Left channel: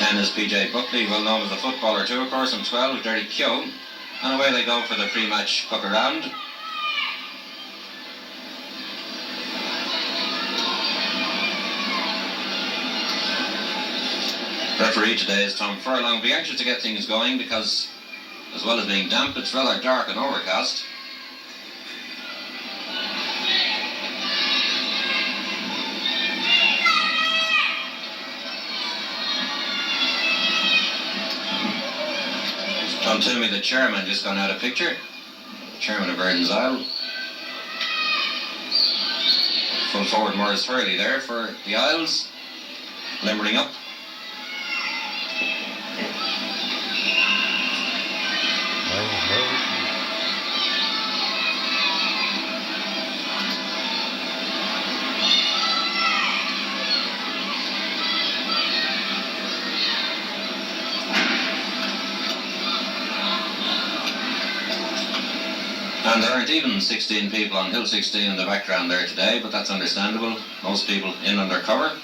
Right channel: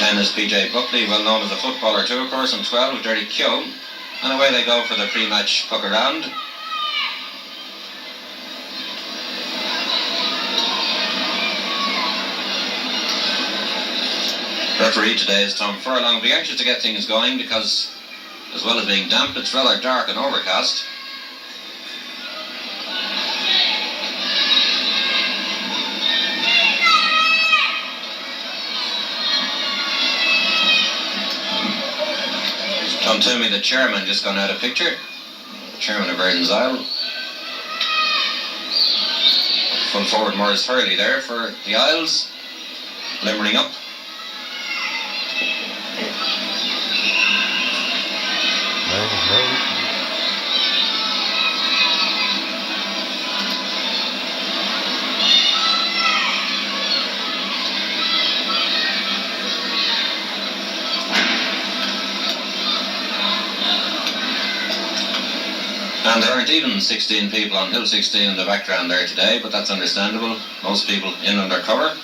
10 is PJ Buckley, well known as a footballer too, of course, and 12, Derry Keogh. And away they go for the pre-match puck around. Referee today is Tom Furlong. Will be anxious to get things going because, as well as being damp, it's rather dark and overcast. John Toomey, the chairman, just gone out of picture. The chairman of Erins. Full forward Morris Hurley there for the Isles. Limbering up. And there aren't even 16 people on Hill 16 in the background there today, but that's understandable. Most people in under cover.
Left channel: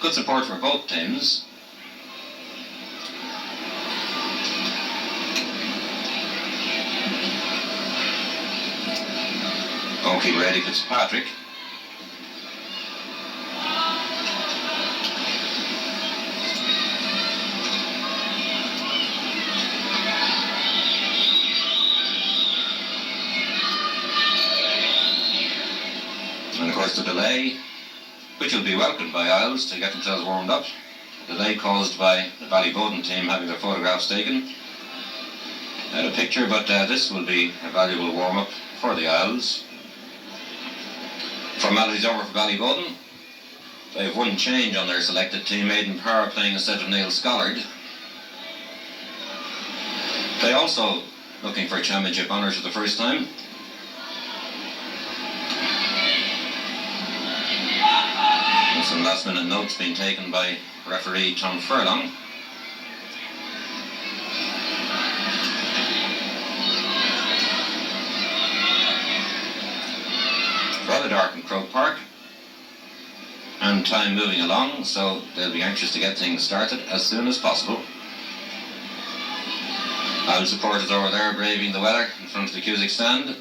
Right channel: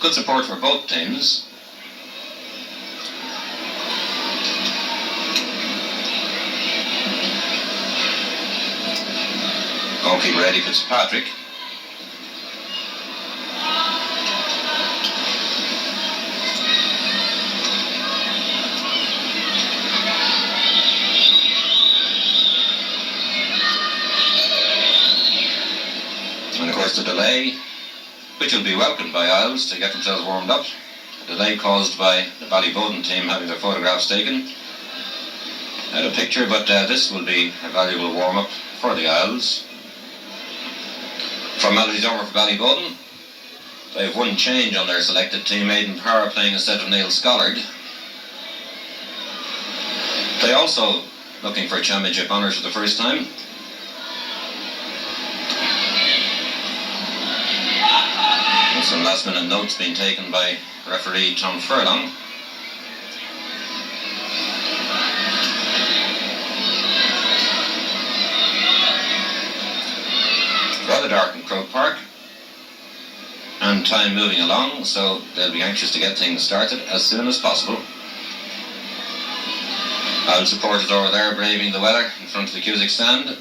Good support for both teams. Goalkeeper Eddie Fitzpatrick. And of course the delay, which will be welcomed by Isles to get themselves warmed up. The delay caused by the Ballyboden team having their photographs taken out of picture, but this will be a valuable warm-up for the Isles. Formalities over for Ballyboden. They have one change on their selected team, Aidan Power playing instead of Neil Scollard. They also looking for championship honours for the first time. Some last minute notes being taken by referee Tom Furlong. Rather dark in Croke Park and time moving along, so they'll be anxious to get things started as soon as possible. Our supporters over there braving the weather in front of the Cusick stand.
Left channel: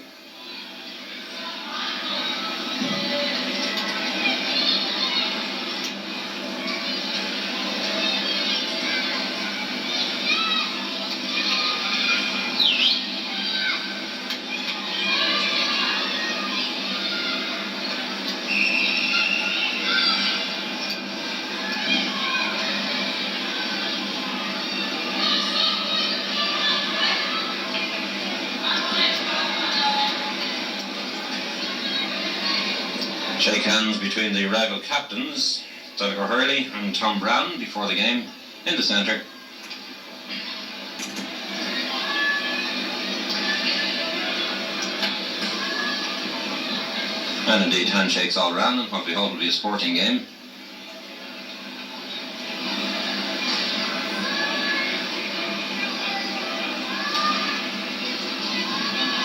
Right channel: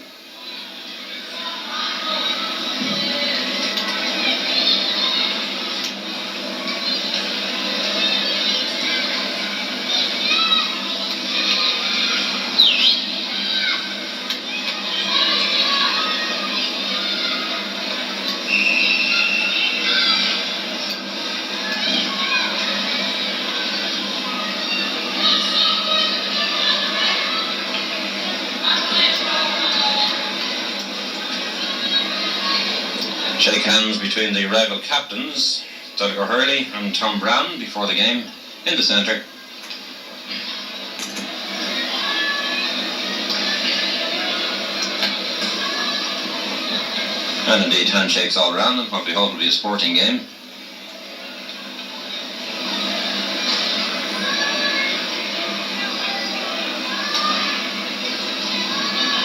Shake hands between the rival captains, Donegal Hurley and Tom Brown, before the game in the centre. And indeed handshakes all round, and what we hope will be a sporting game.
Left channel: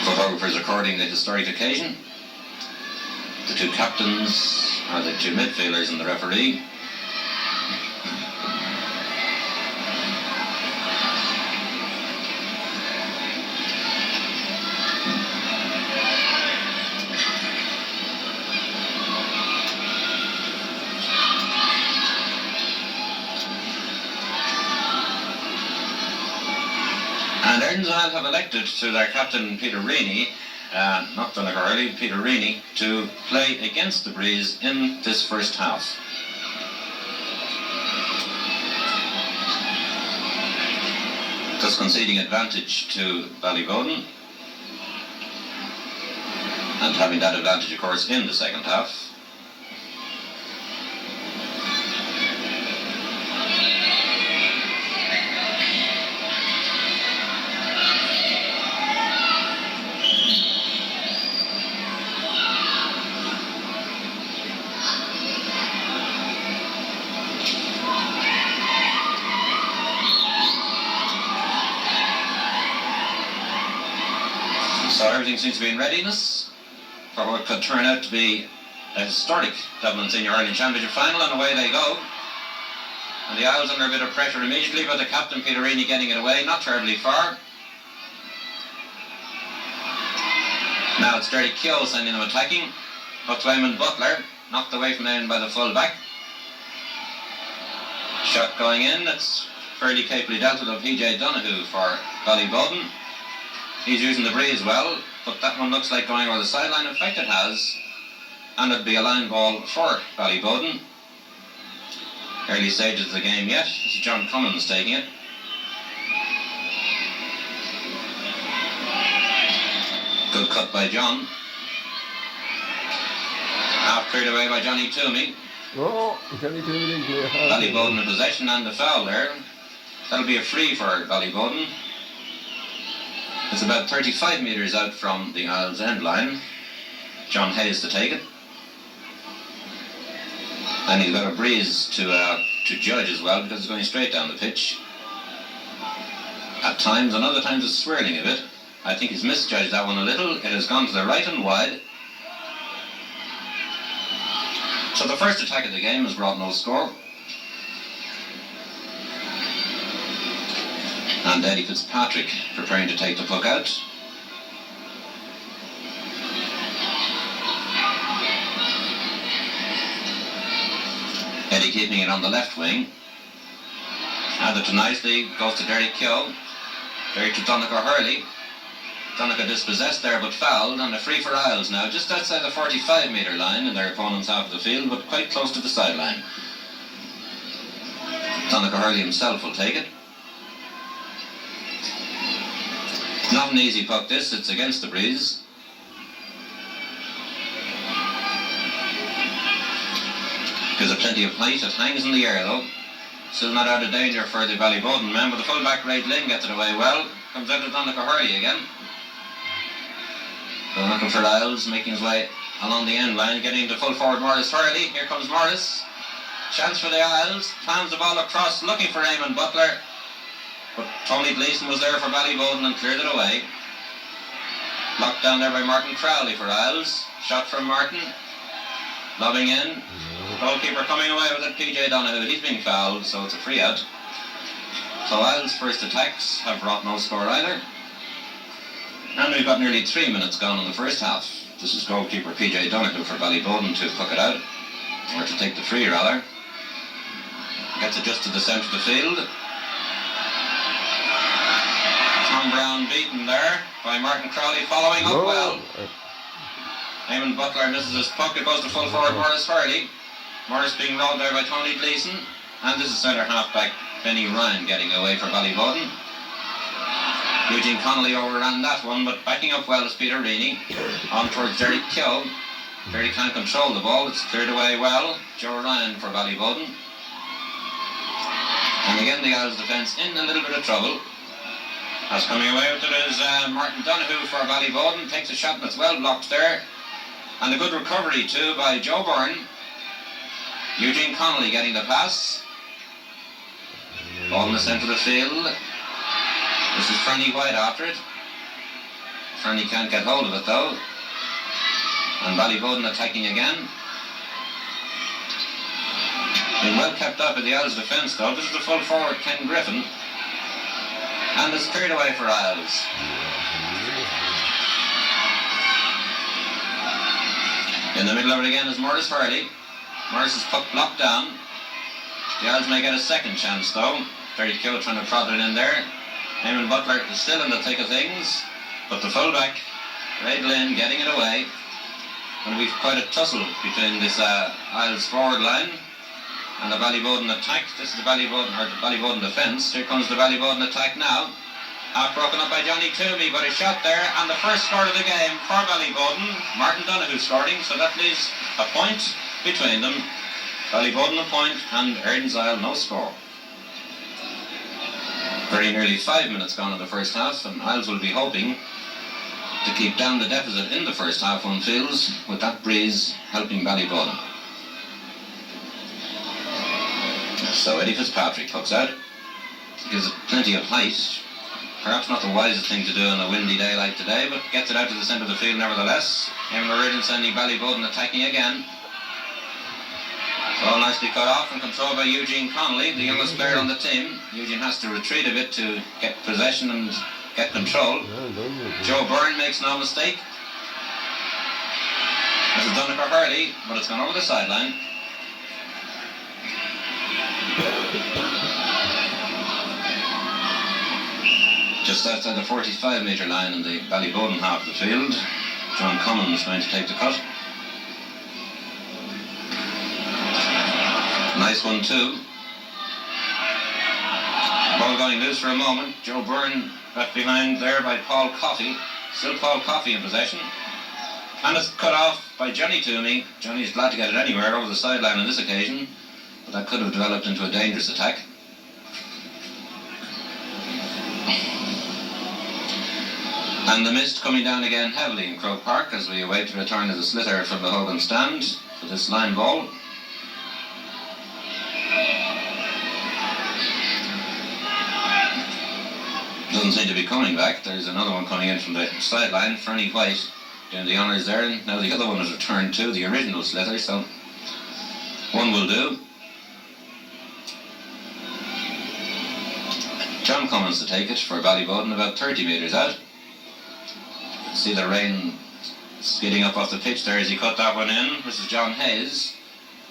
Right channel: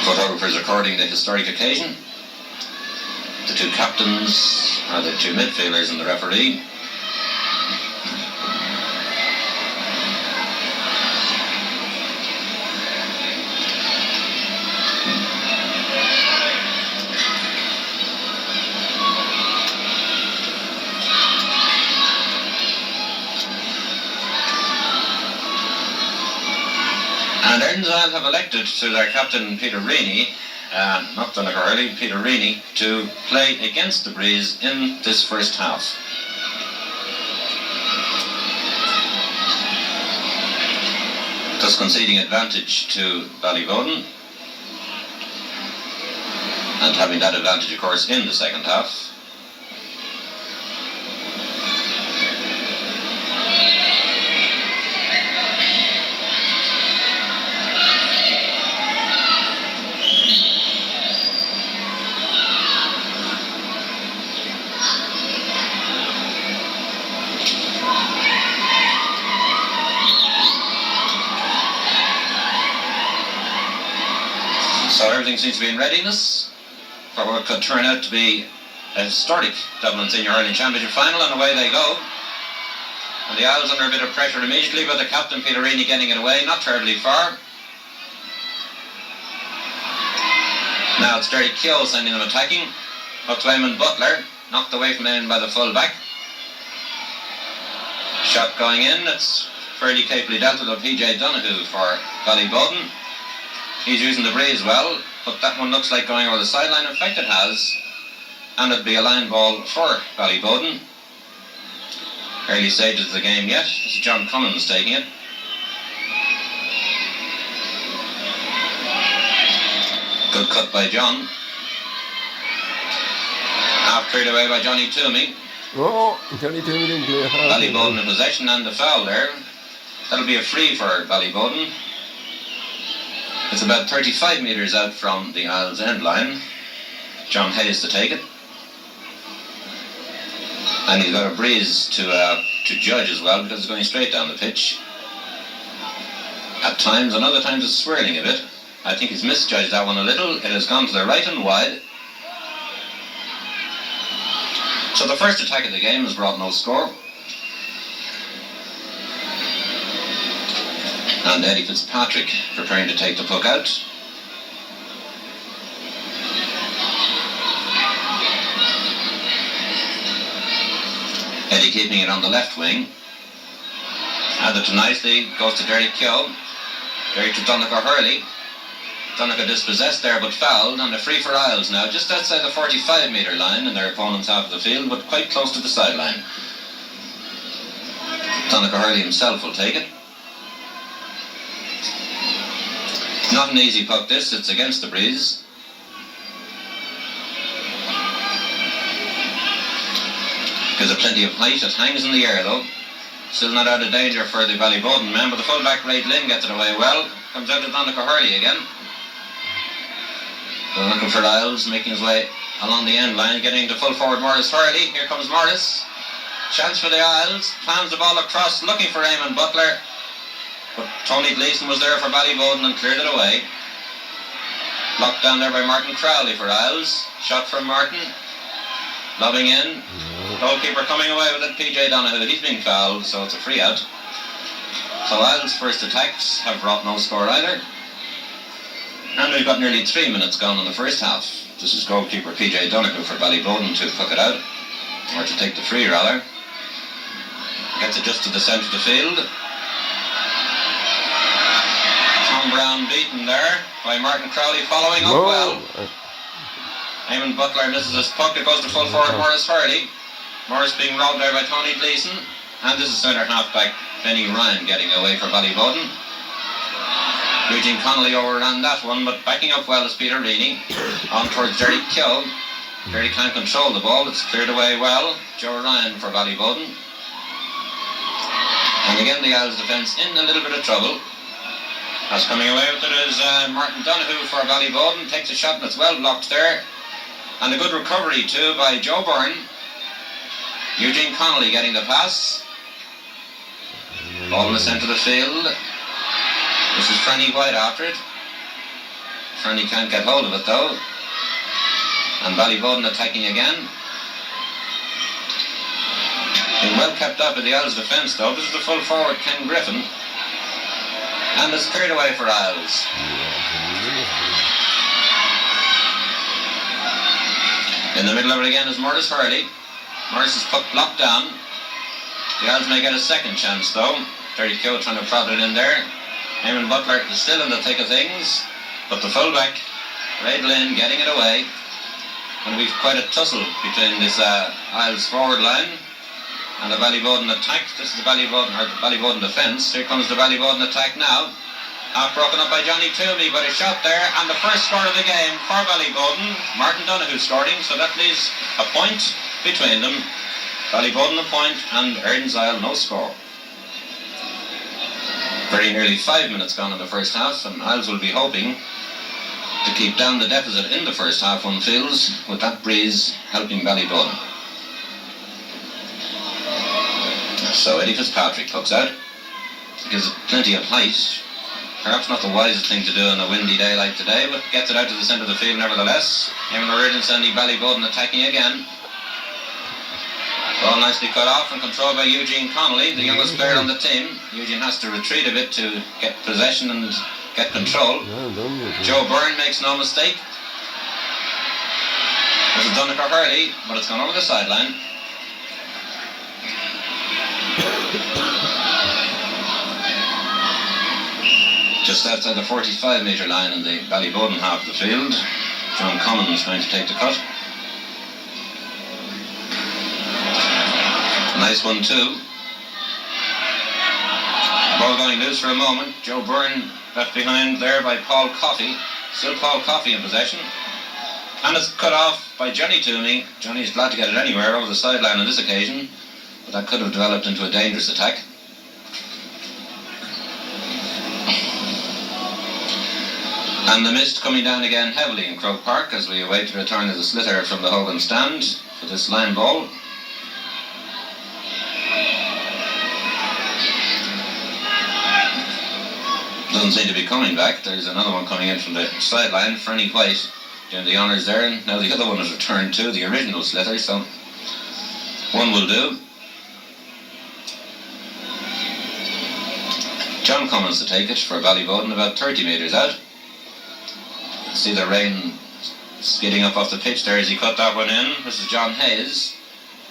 Photographers recording the historic occasion. The two captains are the two midfielders and the referee. And Erins have elected to their captain Peter Reaney, not Donegal Hurley, Peter Reaney, to play against the breeze in this first half. Thus conceding advantage to Ballyboden, and having that advantage of course in the second half. So everything seems to be in readiness for what could turn out to be a historic Dublin Senior Hurling Championship final, and away they go. And the Isles under a bit of pressure immediately, but the captain Peterini getting it away, not terribly far. Now it's Derry Keogh sending them attacking. Up to Eamon Butler, knocked away from him by the full back. Shot going in, it's fairly capably dealt with of PJ Donoghue for Ballyboden. He's using the breeze well, but that one looks like going over the sideline. In fact it has, and it'd be a line ball for Ballyboden. Early stages of the game yet. This is John Cummins taking it. Good cut by John. Half cleared away by Johnny Toomey. Oh, Johnny Toomey didn't do it. Ballyboden in possession and the foul there. That'll be a free for Ballyboden. It's about 35 metres out from the Isles end line. John Hayes to take it. And he's got a breeze to judge as well, because it's going straight down the pitch. At times, and other times it's swirling a bit. I think he's misjudged that one a little. It has gone to the right and wide. So the first attack of the game has brought no score. And Eddie Fitzpatrick preparing to take the puck out. Eddie keeping it on the left wing. Handed to nicely, goes to Derry Keogh. Derry to Donnacha Hurley. Donnacha dispossessed there but fouled, and a free for Isles now, just outside the 45-metre line in their opponent's half of the field, but quite close to the sideline. Donnacha Hurley himself will take it. Not an easy puck this, it's against the breeze. Gives it plenty of height, it hangs in the air though. Still not out of danger for the Ballyboden men, but the fullback Ray Lynn gets it away well. Comes out to Donnacha Hurley again. Looking for Lyons, making his way along the end line, getting into full forward Morris Hurley. Here comes Morris. Chance for the Isles, plans the ball across, looking for Eamon Butler. But Tony Gleeson was there for Ballyboden and cleared it away. Locked down there by Martin Crowley for Isles. Shot from Martin. Lobbing in. Goalkeeper coming away with it, PJ Donoghue. He's been fouled, so it's a free out. So Isles' first attacks have brought no score either. And we've got nearly 3 minutes gone in the first half. This is goalkeeper PJ Donoghue for Ballyboden to puck it out. Or to take the free, rather. Gets it just to the centre of the field. Tom Brown beaten there by Martin Crowley, following up well. Eamon Butler misses his puck. It goes to full forward Morris Hurley. Morris being robbed there by Tony Gleeson. And this is centre half-back Benny Ryan getting away for Ballyboden. Eugene Connolly overran that one, but backing up well is Peter Reaney. On towards Derry Keogh. Derry can't control the ball. It's cleared away well. Joe Ryan for Ballyboden. And again the Isles defence in a little bit of trouble. As coming away with it is Martin Donoghue for Ballyboden. Takes a shot and it's well blocked there. And a good recovery too by Joe Byrne. Eugene Connolly getting the pass. Ball in the centre of the field. This is Franny White after it. Franny can't get hold of it though. And Ballyboden attacking again. Been well kept up in the Isles defence though. This is the full forward Ken Griffin. And it's cleared away for Isles. In the middle of it again is Morris Hurley. Morris' puck blocked down. The Isles may get a second chance though. Derry Keogh trying to prod it in there. Eamon Butler is still in the thick of things. But the fullback, Ray Lynn, getting it away. And we've quite a tussle between this Isles forward line and the Ballyboden attack. This is the Ballyboden defence. Here comes the Ballyboden attack now. Half broken up by Johnny Toomey, but a shot there, and the first score of the game for Ballyboden. Martin Donoghue scoring, so that leaves a point between them. Ballyboden a point and Erins Isle no score. Very nearly 5 minutes gone in the first half, and Isles will be hoping to keep down the deficit in the first half, one feels, with that breeze helping Ballyboden. So Eddie Fitzpatrick pucks out. Gives it plenty of height. Perhaps not the wisest thing to do on a windy day like today, but gets it out to the centre of the field nevertheless. Eamon O'Riordan sending Ballyboden attacking again. Ball nicely cut off and controlled by Eugene Connolly, the youngest player on the team. Eugene has to retreat a bit to get possession and get control. Joe Byrne makes no mistake. This is Dunica Hurley, but it's gone over the sideline. Just outside the 45-metre line in the Ballyboden half of the field. John Cummins going to take the cut. Nice one too. Ball going loose for a moment. Joe Byrne left behind there by Paul Coffey. Still Paul Coffey in possession. And it's cut off by Johnny Toomey. Johnny's glad to get it anywhere over the sideline on this occasion, but that could have developed into a dangerous attack. And the mist coming down again heavily in Croke Park as we await the return of the sliotar from the Hogan stand for this line ball. Doesn't seem to be coming back. There's another one coming in from the sideline. Fernie White doing the honours there. And now the other one has returned too, the original sliotar, so one will do. John Cummins to take it for Ballyboden, about 30 metres out. See the rain skidding up off the pitch there as he cut that one in. This is John Hayes.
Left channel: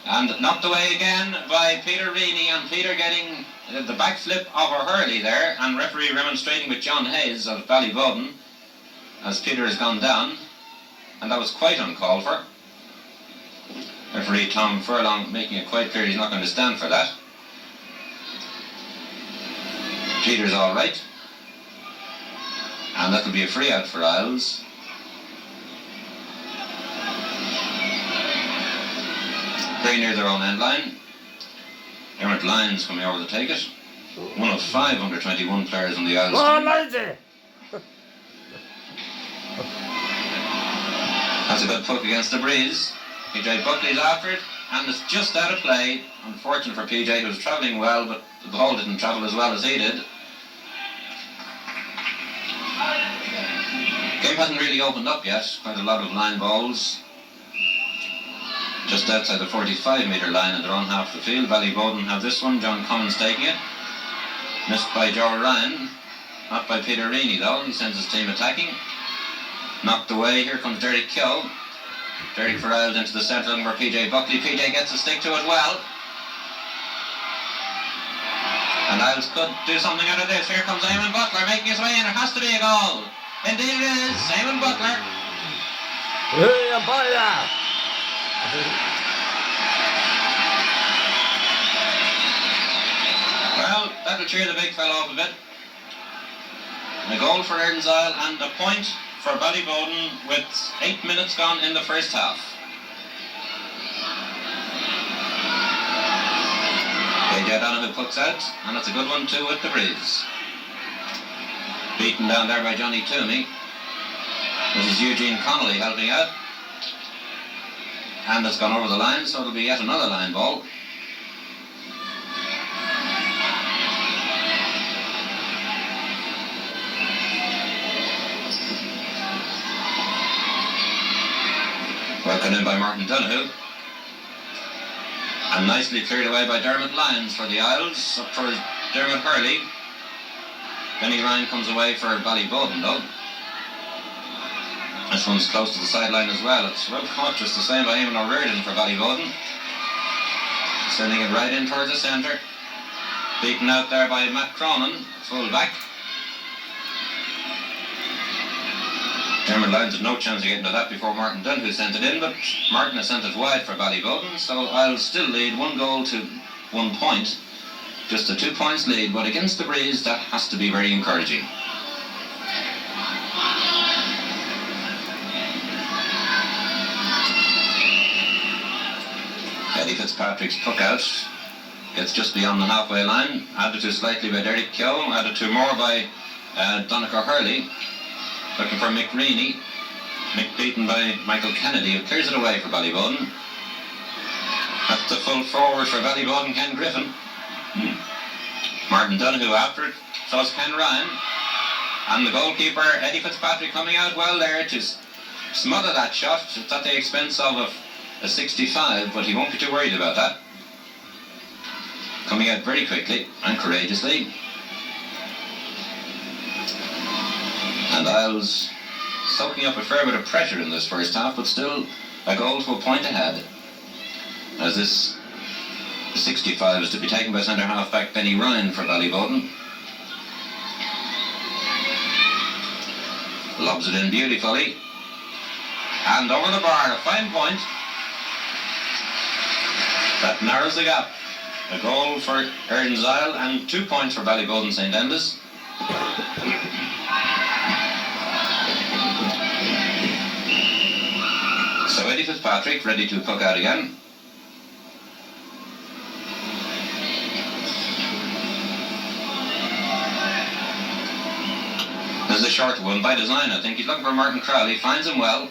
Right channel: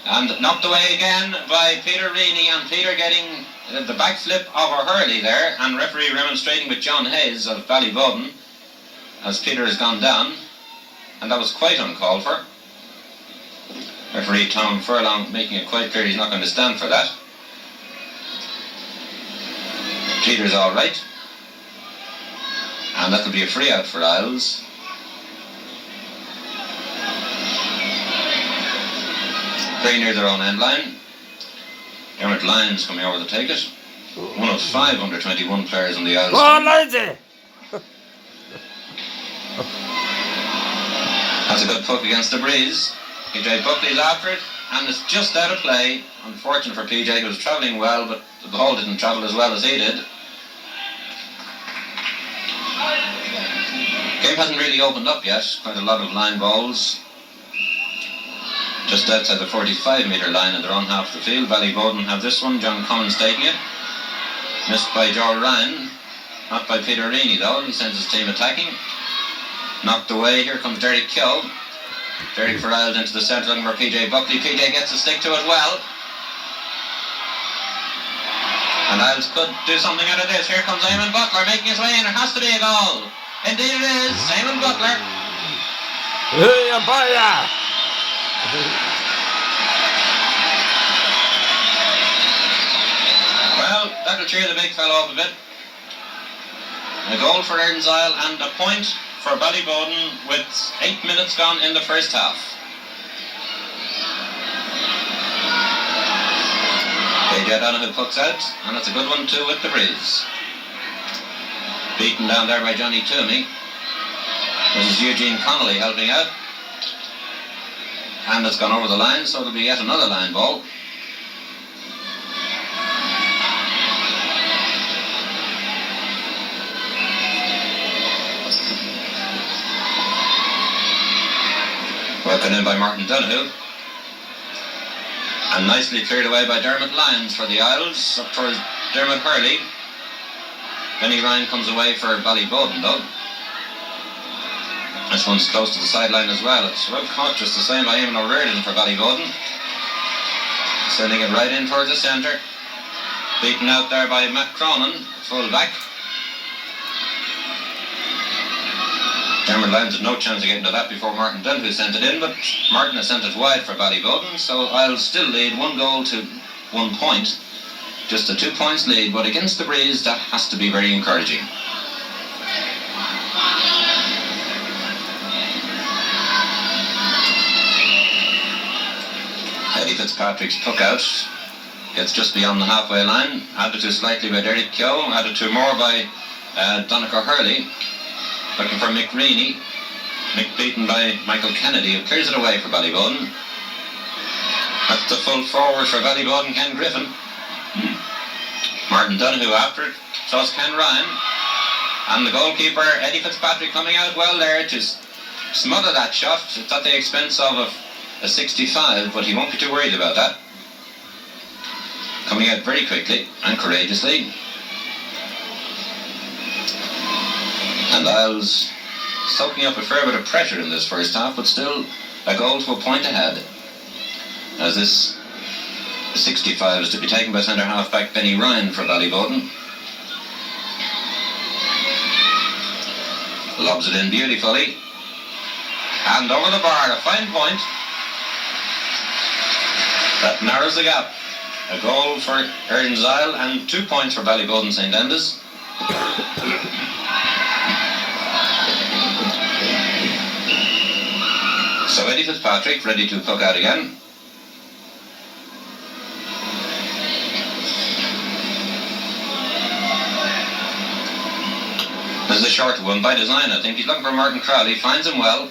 And knocked away again by Peter Reaney, and Peter getting the backflip of a Hurley there, and referee remonstrating with John Hayes of Ballyboden as Peter has gone down, and that was quite uncalled for. Referee Tom Furlong making it quite clear he's not going to stand for that. Peter's all right, and that'll be a free out for Isles. Very near their own end line. Dermot Lyons coming over to take it. One of 5 under-21 players on the Isles. Go on, Lindsay! That's a good puck against the breeze. PJ Buckley's after it, and it's just out of play. Unfortunate for PJ, who was travelling well, but the ball didn't travel as well as he did. Game hasn't really opened up yet. Quite a lot of line balls. Just outside the 45-metre line in their own half of the field. Ballyboden have this one, John Cummins taking it. Missed by Joe Ryan. Not by Peter Reaney though, he sends his team attacking. Knocked away, here comes Derek Keogh. Derek for Isles into the centre looking for PJ Buckley. PJ gets a stick to it well. And Isles could do something out of this. Here comes Eamon Butler making his way in. There has to be a goal. Indeed it is. Eamon Butler. Hey, Abaya! Well, that'll cheer the big fellow up a bit. A goal for Erins and a point for Ballyboden with 8 minutes gone in the first half. AJ Donoghue pucks out, and it's a good one too with the breeze. Beaten down there by Johnny Toomey. This is Eugene Connolly helping out. And it's gone over the line, so it'll be yet another line ball. Broken in by Martin Donoghue. And nicely cleared away by Dermot Lyons for the Isles, up towards Dermot Hurley. Benny Ryan comes away for Ballyboden though. This one's close to the sideline as well. It's well caught just the same by Eamon O'Riordan for Ballyboden. Sending it right in towards the centre. Beaten out there by Matt Cronin, full back. Dermot Lyons had no chance of getting to that before Martin Donoghue sent it in, but Martin has sent it wide for Ballyboden, so I'll still lead 1 goal to 1 point. Just a 2 points lead, but against the breeze, that has to be very encouraging. Eddie Fitzpatrick's puck out gets just beyond the halfway line, added to slightly by Derek Keogh, added to more by Donica Hurley, looking for Mick Reaney. Mick beaten by Michael Kennedy, who clears it away for Ballyboden. That's the full forward for Ballyboden, Ken Griffin. Martin Donoghue after it, so it's Ken Ryan. And the goalkeeper, Eddie Fitzpatrick, coming out well there to smother that shot. It's at the expense of a 65, but he won't be too worried about that. coming out very quickly and courageously. And Isles soaking up a fair bit of pressure in this first half, but still a goal to a point ahead. As this 65 is to be taken by centre half back Benny Ryan for Ballyboden. Lobs it in beautifully. And over the bar, a fine point. That narrows the gap. A goal for Erins and 2 points for Ballyboden St Enda's. So Eddie Fitzpatrick ready to puck out again. This is a short one by design, I think. He's looking for Martin Crowley, finds him well.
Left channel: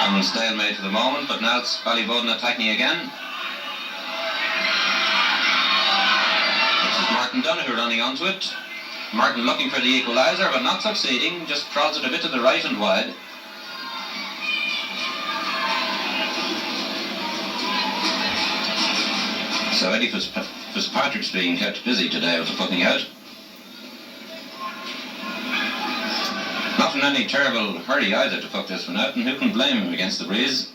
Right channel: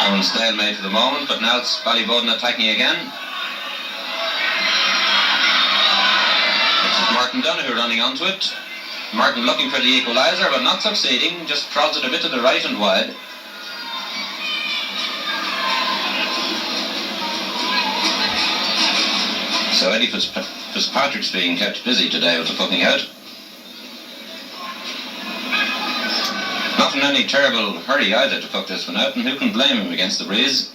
Owen stalemate for the moment, but now it's Ballyboden attacking again. This is Martin Donoghue running onto it. Martin looking for the equaliser, but not succeeding, just prods it a bit to the right and wide. So Eddie Fitzpatrick's being kept busy today with the pucking out. Not in any terrible hurry either to puck this one out, and who can blame him against the breeze?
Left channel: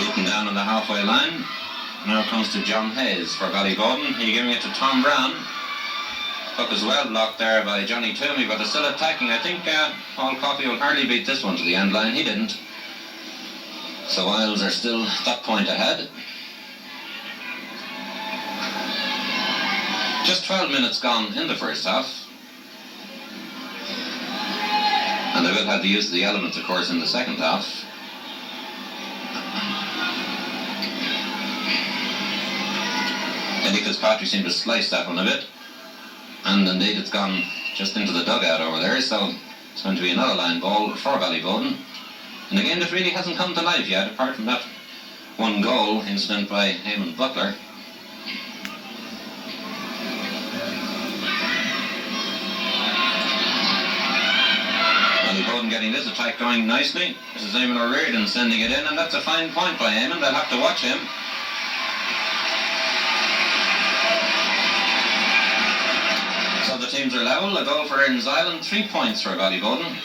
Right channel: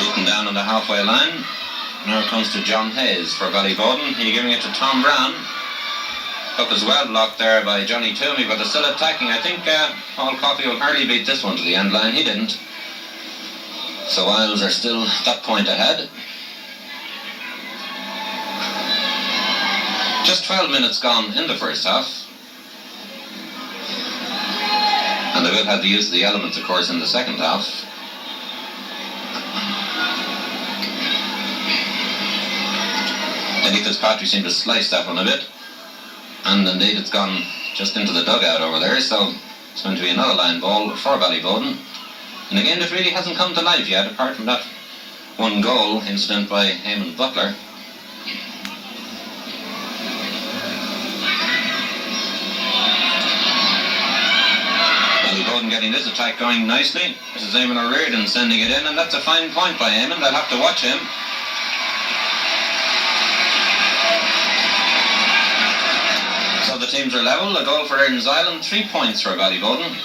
Beaten down on the halfway line. Now it comes to John Hayes for Ballyboden. He's giving it to Tom Brown. Puck is well blocked there by Johnny Toomey, but they're still attacking. I think Paul Coffey will hardly beat this one to the end line. He didn't. So Isles are still that point ahead. Just 12 minutes gone in the first half. And they will have the use of the elements, of course, in the second half. Eddie Fitzpatrick seemed to slice that one a bit. And indeed it's gone just into the dugout over there, so it's going to be another line ball for Ballyboden. And again, it really hasn't come to life yet, apart from that one goal incident by Eamon Butler. Ballyboden getting this attack going nicely. This is Eamon O'Riordan sending it in, and that's a fine point by Eamon. They'll have to watch him. So the teams are level. A goal for Erins Island, 3 points for Ballyboden.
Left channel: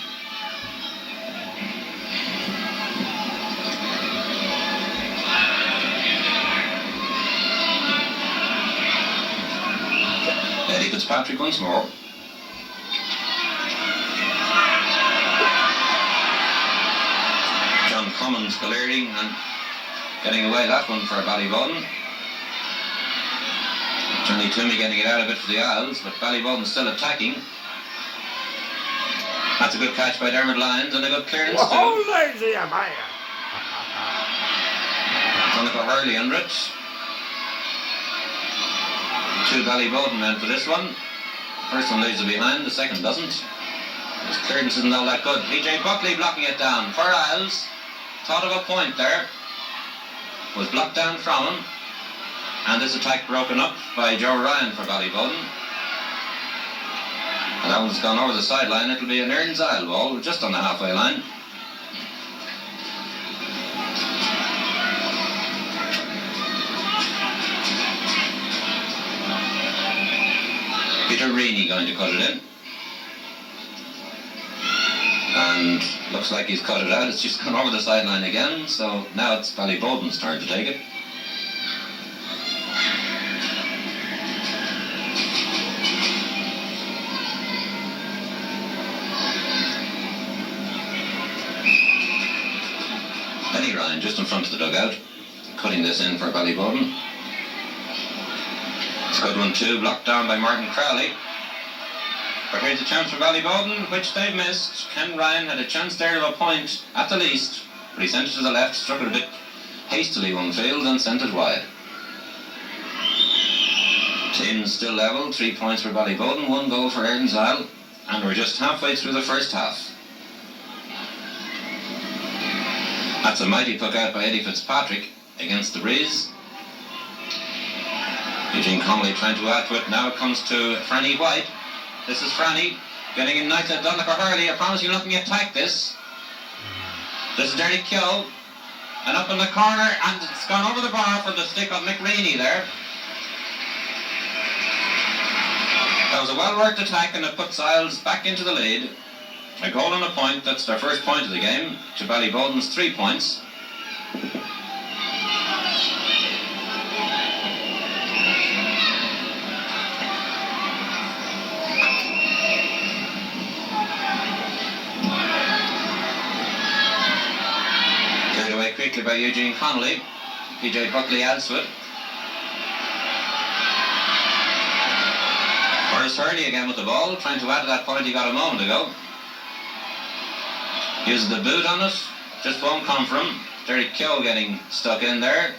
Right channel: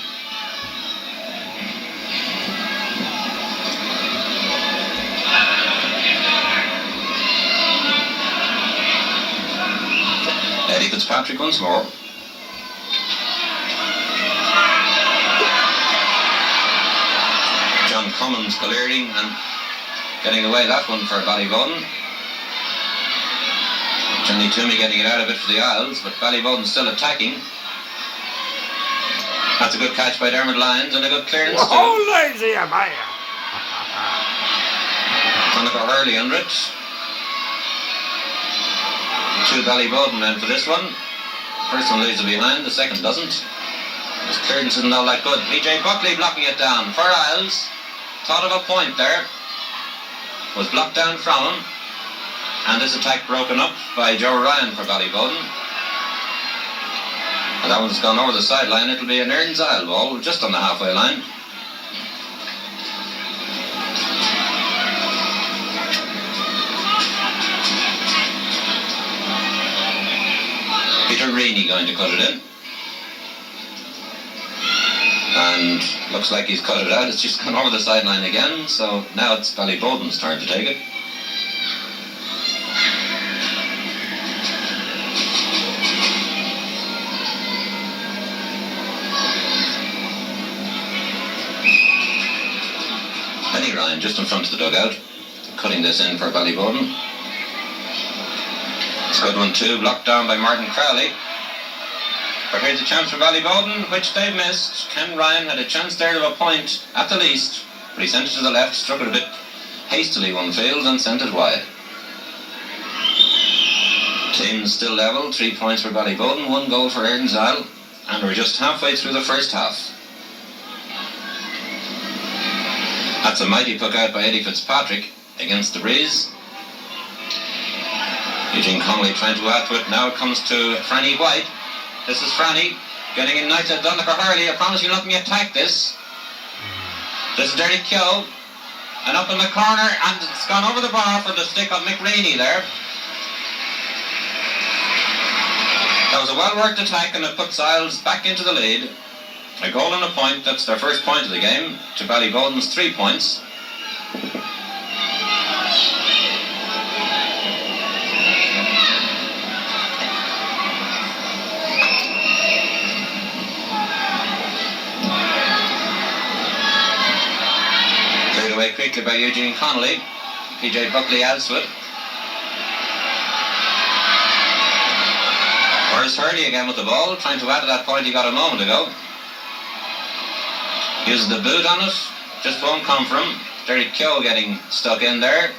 Eddie Fitzpatrick once more. John Cummins clearing and getting away that one for Ballyboden. Johnny Toomey getting it out of it for the Isles, but Ballyboden's still attacking. That's a good catch by Dermot Lyons and a good clearance too. Oh, lazy am I. Hurling under it. 2 Ballyboden men for this one. First one leaves it behind, the second doesn't. His clearance isn't all that good. PJ Buckley blocking it down for Isles. Thought of a point there. Was blocked down from him. And this attack broken up by Joe Ryan for Ballyboden. And that one's gone over the sideline. It'll be an Erins Isle ball just on the halfway line. Peter Reaney going to cut it in. And looks like he's cut it out. It's just gone over the sideline again. So now it's Ballyboden's turn to take it. Benny Ryan just in front of the dugout, cutting this in for Ballyboden. It's a good one too, blocked down by Martin Crowley. But here's a chance for Ballyboden, which they've missed. Ken Ryan had a chance there to a point, at the least, but he sent it to the left, struck it a bit hastily one field and sent it wide. Teams still level, 3 points for Ballyboden, 1 goal for Erins Isle, and we're just halfway through the first half. That's a mighty puck out by Eddie Fitzpatrick against the breeze. Eugene Connolly trying to add to it. Now it comes to Franny White. This is Franny. Getting in nice at Donegal Hurley. I promise you'll let me attack this. This is Derek Keogh. And up in the corner, and it's gone over the bar for the stick of Mick Rainey there. That was a well-worked attack, and it puts Isles back into the lead. A goal and a point, that's their first point of the game, to Ballyboden's 3 points. Cleared away quickly by Eugene Connolly. PJ Buckley adds to it. Where's Hurley again with the ball, trying to add to that point he got a moment ago. Uses the boot on it, just won't come from him. Derek Keogh getting stuck in there,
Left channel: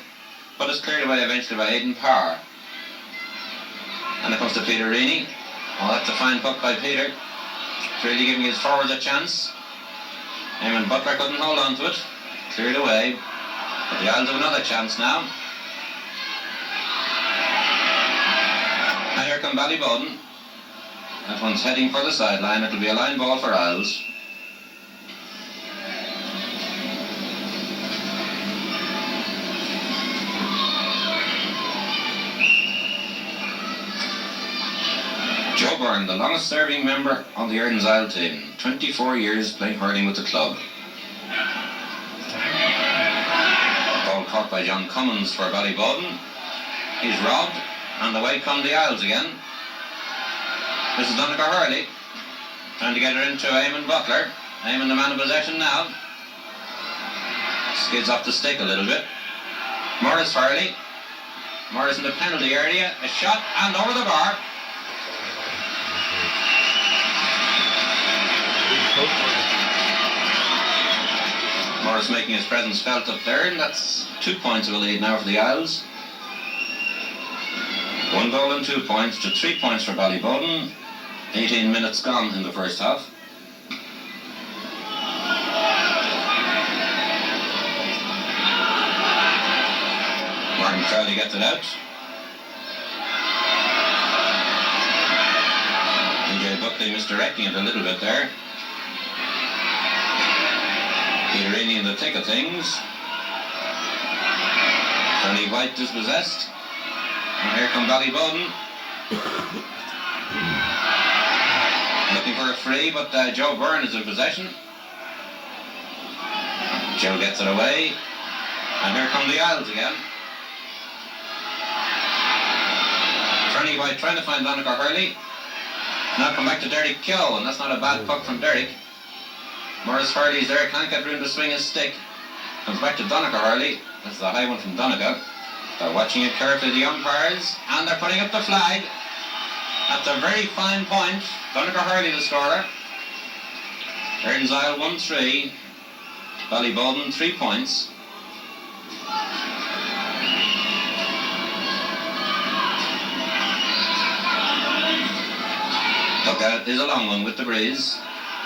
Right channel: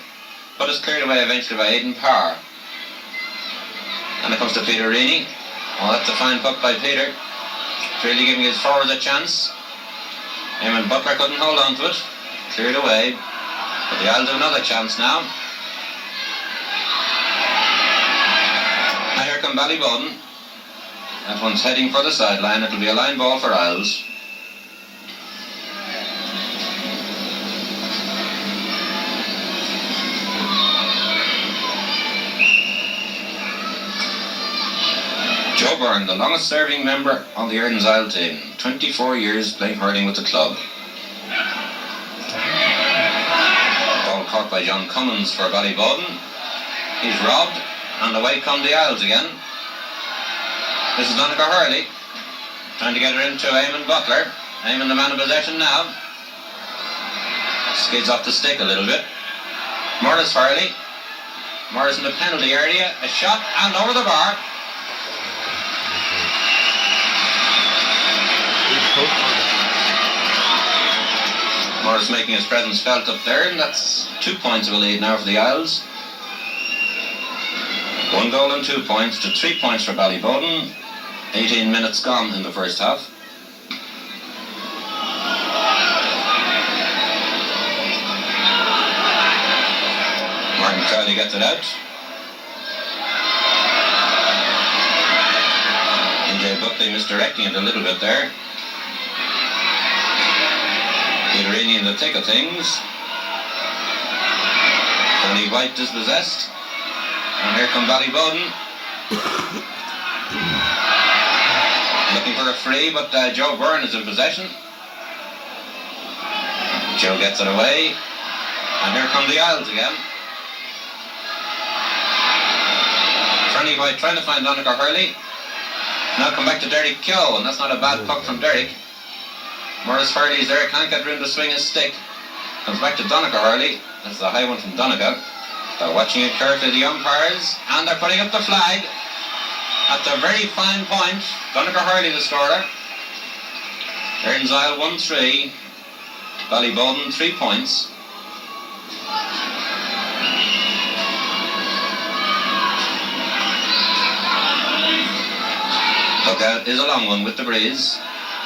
but it's cleared away eventually by Aidan Power. And it comes to Peter Reaney. Oh, that's a fine puck by Peter. Clearly giving his forwards a chance. Eamon Butler couldn't hold on to it. Cleared away. But the Isles have another chance now. And here come Ballyboden. That one's heading for the sideline. It'll be a line ball for Isles. Joe Byrne, the longest serving member on the Erins Isle team. 24 years playing hurling with the club. Ball caught by John Cummins for Ballyboden. He's robbed, and away come the Isles again. This is Donegal Hurley, trying to get her into Eamon Butler. Eamon the man of possession now. Skids off the stick a little bit. Morris Hurley. Morris in the penalty area. A shot and over the bar. Morris making his presence felt up there, and that's 2 points of a lead now for the Isles. 1 goal and 2 points to 3 points for Ballyboden. 18 minutes gone in the first half. Martin Crowley gets it out. PJ Buckley misdirecting it a little bit there. Peter Rainey in the thick of things. Tony White dispossessed. And here come Ballyboden. Looking for a free, but Joe Byrne is in possession. Joe gets it away. And here come the Isles again. Tony White trying to find Donegal Hurley. Now come back to Derek Keogh, and that's not a bad puck from Derek. Morris Hurley's there, can't get room to swing his stick. Comes back to Donegal Hurley. That's a high one from Donegal. They're watching it carefully, the umpires, and they're putting up the flag. At the very fine point, Donegal Hurley the scorer. Erins Isle 1-3. Ballyboden 3 points. Lookout is a long one with the breeze.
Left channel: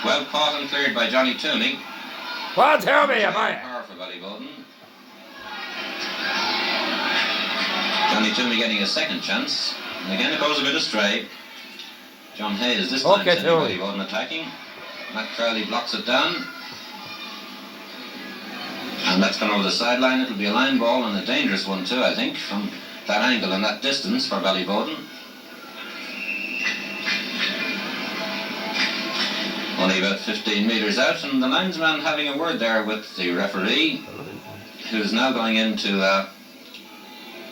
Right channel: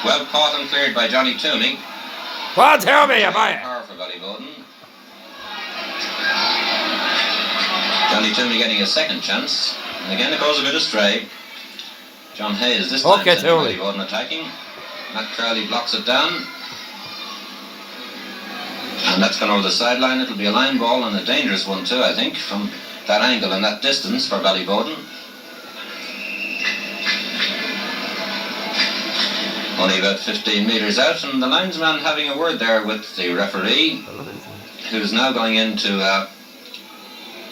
Well caught and cleared by Johnny Toomey. Well, tell me, am I? Power for Ballyboden. Johnny Toomey getting a second chance. And again it goes a bit astray. John Hayes this time sending Ballyboden attacking. Matt Crowley blocks it down. And that's gone over the sideline. It'll be a line ball, and a dangerous one too, I think, from that angle and that distance for Ballyboden. Only about 15 metres out, and the linesman having a word there with the referee, who's now going into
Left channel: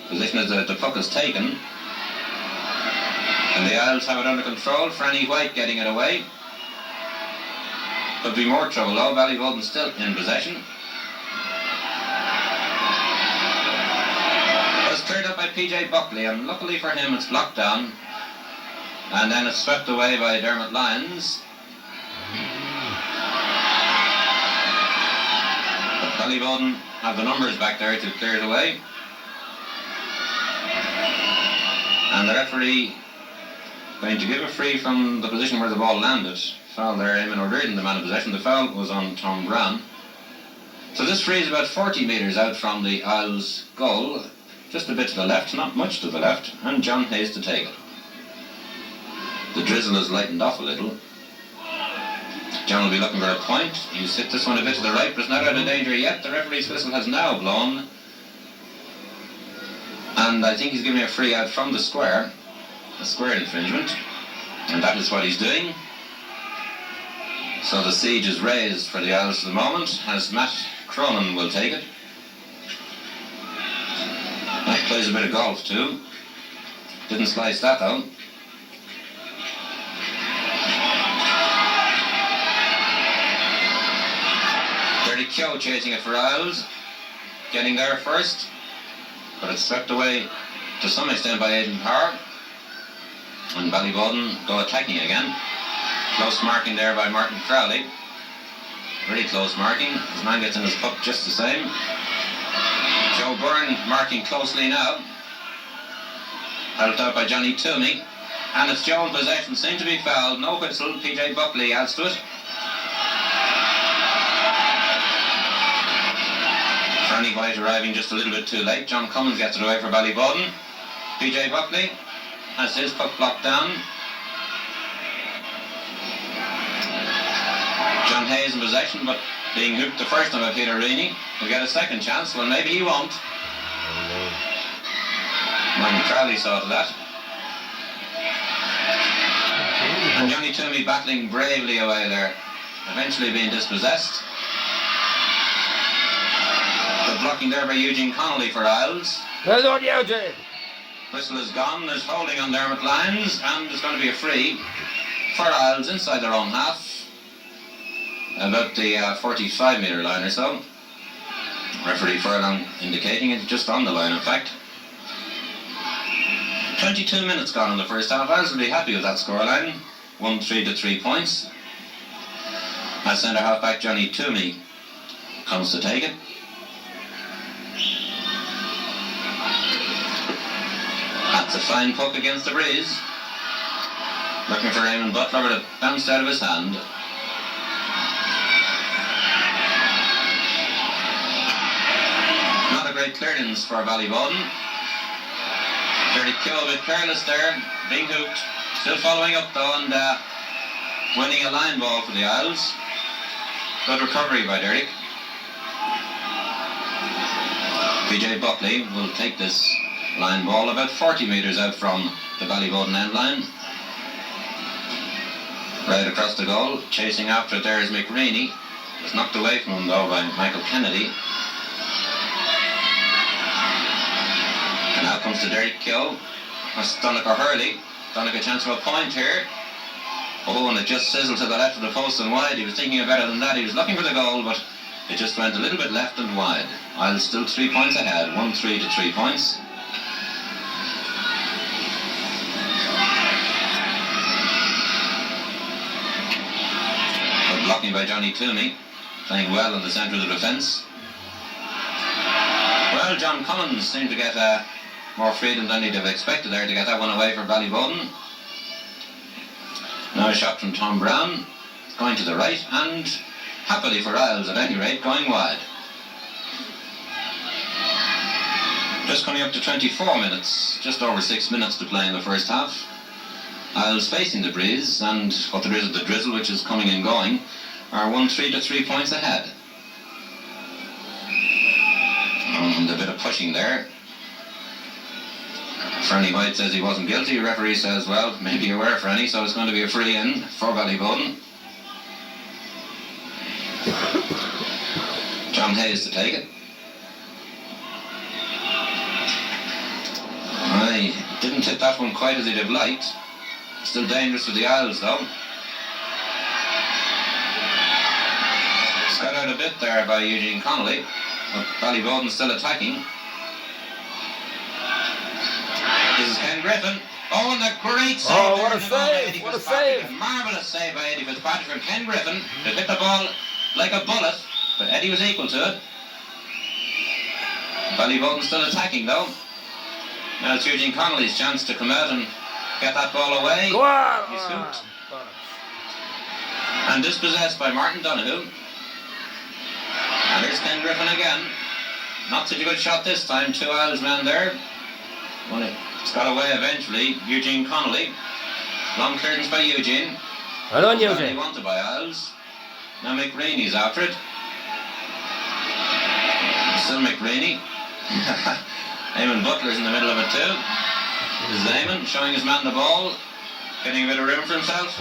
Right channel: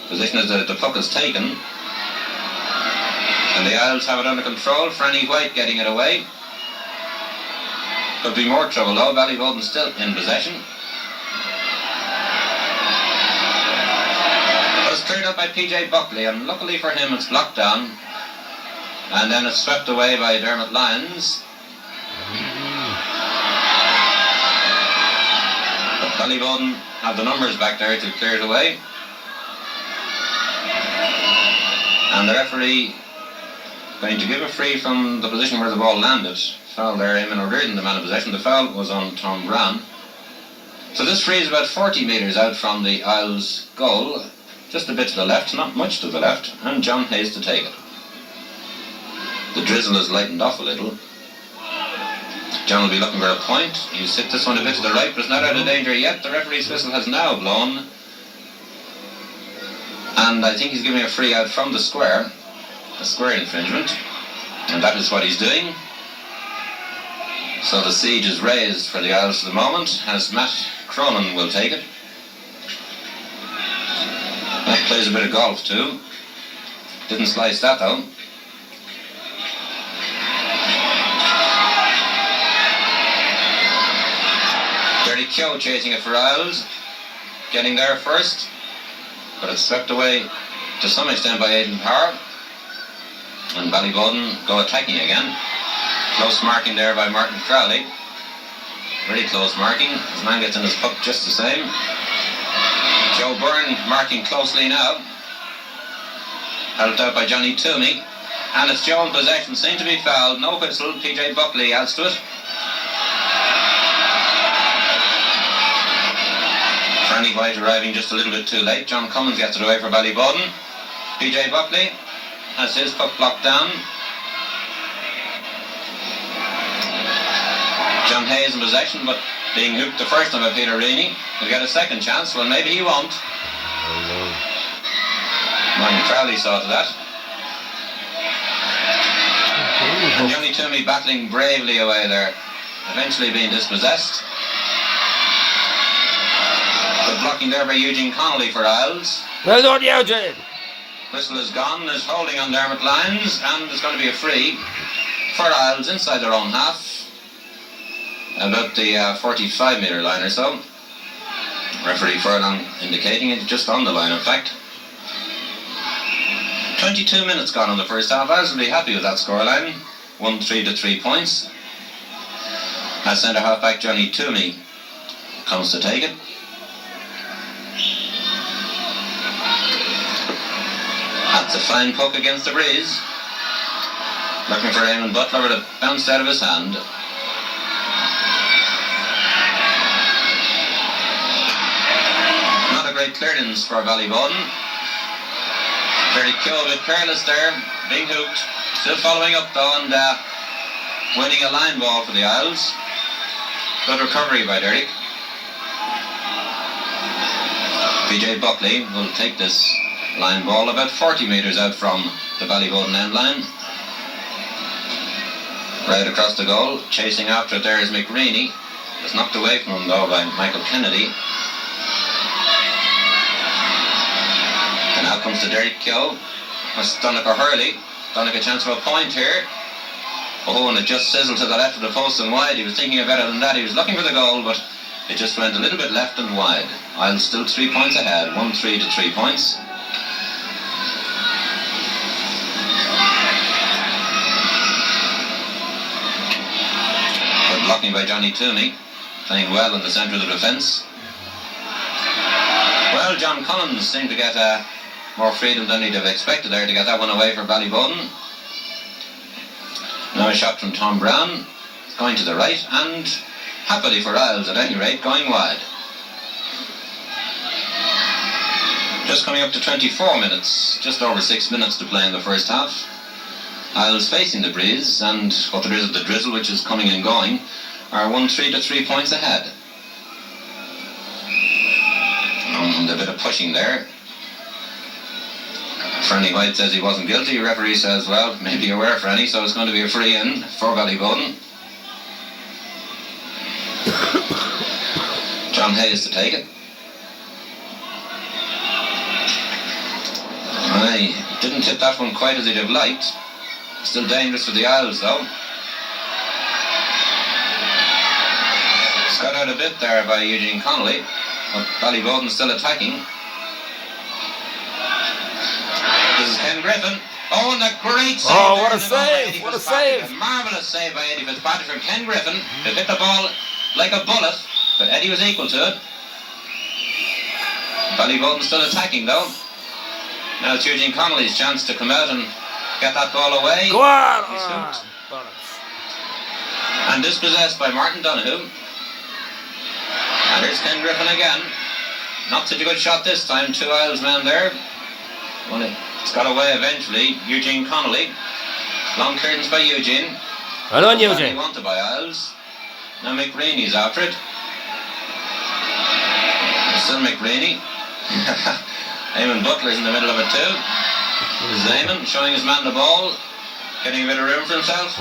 position as the puck is taken. And the Isles have it under control. Franny White getting it away. Could be more trouble though. Ballyboden still in possession. It was cleared up by PJ Buckley, and luckily for him it's blocked down. And then it's swept away by Dermot Lyons. But Ballyboden have the numbers back there to clear it away. And the referee going to give a free from the position where the ball landed. Foul there, Eamon O'Riordan, the man of possession. The foul was on Tom Brown. So this free is about 40 metres out from the Isles goal. Just a bit to the left, not much to the left. And John Hayes to take it. The drizzle has lightened off a little. John will be looking for a point. He's hit this one a bit to the right, but it's not out of danger yet. The referee's whistle has now blown. And I think he's giving a free out from the square. A square infringement. And that is what he's doing. So the siege is raised for the Isles for the moment, as Matt Cronin will take it. Matt plays a bit of golf too. Didn't slice that though. Dirty Keogh chasing it for Isles. Getting there first. But it's swept away to some extent by Aidan Power. And Ballyboden go attacking again. Close marking there by Martin Crowley. Very close marking. His man gets in his puck just the same. Joe Byrne marking closely now. Helped out by Johnny Toomey. And it's Joe in possession. Seemed to be fouled. No whistle. PJ Buckley adds to it. Franny White arriving just a little bit too late. John Cummins gets it away for Ballyboden. PJ Buckley has his puck blocked down. John Hayes in possession, but being hooked the first time by Peter Reaney. He'll get a second chance. Well, maybe he won't. Martin Crowley saw to that. And Johnny Toomey battling bravely away there. Eventually being dispossessed. Good blocking there by Eugene Connolly for Isles. Well done, Eugene. Whistle is gone, is holding on Dermot Lyons, and it's going to be a free for Isles inside their own half. About the 45-metre line or so. Referee Furlong indicating it just on the line, in fact. 22 minutes gone in the first half. I was really happy with that scoreline. 1-3 to 3 points. As centre half-back Johnny Toomey comes to take it. That's a fine poke against the breeze. Looking for Eamon Butler, but it bounced out of his hand. Not a great clearance for Ballyboden. Derek Keogh a bit careless there, being hooked. Still following up though and winning a line ball for the Isles. Good recovery by Derek. PJ Buckley will take this line ball about 40 metres out from the Ballyboden end line. Right across the goal, chasing after it there is McReaney. It's knocked away from him though by Michael Kennedy. And now comes to Derek Keogh. That's Donegal Hurley. Donegal a chance for a point here. Oh, and it just sizzled to the left of the post and wide. He was thinking of better than that. He was looking for the goal, but it just went a little bit left and wide. Isles still 3 points ahead. 1-3 to 3 points. Good blocking by Johnny Toomey. Playing well in the centre of the defence. Well, John Collins seemed to get more freedom than he'd have expected there to get that one away for Ballyboden. Now a shot from Tom Brown, going to the right, and happily for Isles at any rate, going wide. Just coming up to 24 minutes, just over 6 minutes to play in the first half. Isles facing the breeze, and what there is of the drizzle, which is coming and going, are 1-3 to 3 points ahead. And a bit of pushing there. Franny White says he wasn't guilty. Referee says, well, maybe you were, Franny, so it's going to be a free in for Ballyboden. John Hayes to take it. I didn't hit that one quite as he'd have liked. Still dangerous for the Isles, though. It's got out a bit there by Eugene Connolly, but Ballyboden still attacking. This is Ken Griffin. Oh, and a great save. Oh, what a save. What a save. A marvellous save by Eddie Fitzpatrick from Ken Griffin to hit the ball like a bullet, but Eddie was equal to it. Ballyboden still attacking, though. Now it's Eugene Connolly's chance to come out and get that ball away. Go on. He's hooked. And dispossessed by Martin Donoghue. And here's Ken Griffin again. Not such a good shot this time. 2 Isles men there. It's got away eventually. Eugene Connolly. Long clearance by Eugene. Well done, Eugene. He wanted by Isles. Now McReaney's after it. Still McReaney. Eamon Butler's in the middle of it too. This is Eamon showing his man the ball, getting a bit of room for himself.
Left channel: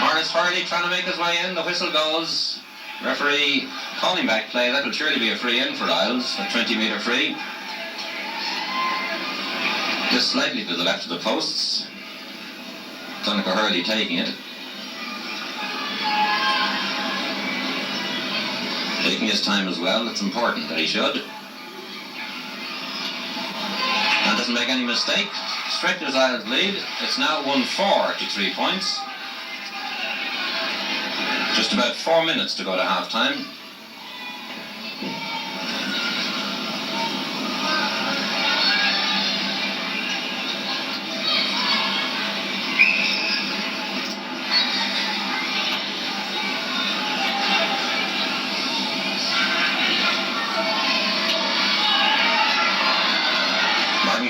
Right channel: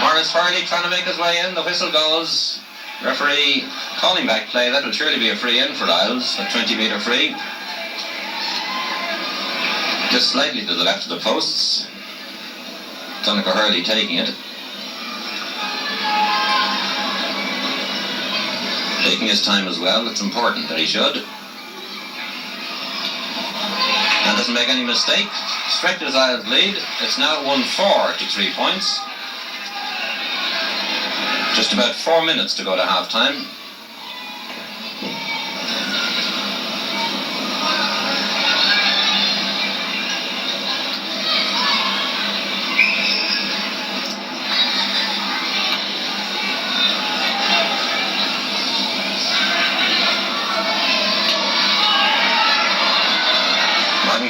Morris Hurley trying to make his way in. The whistle goes. Referee calling back play. That will surely be a free in for Lyons. A 20-metre free. Just slightly to the left of the posts. Donegal Hurley taking it. Taking his time as well. It's important that he should. And doesn't make any mistake. Stretches Lyons' lead. It's now 1-4 to 3 points. Just about 4 minutes to go to half time.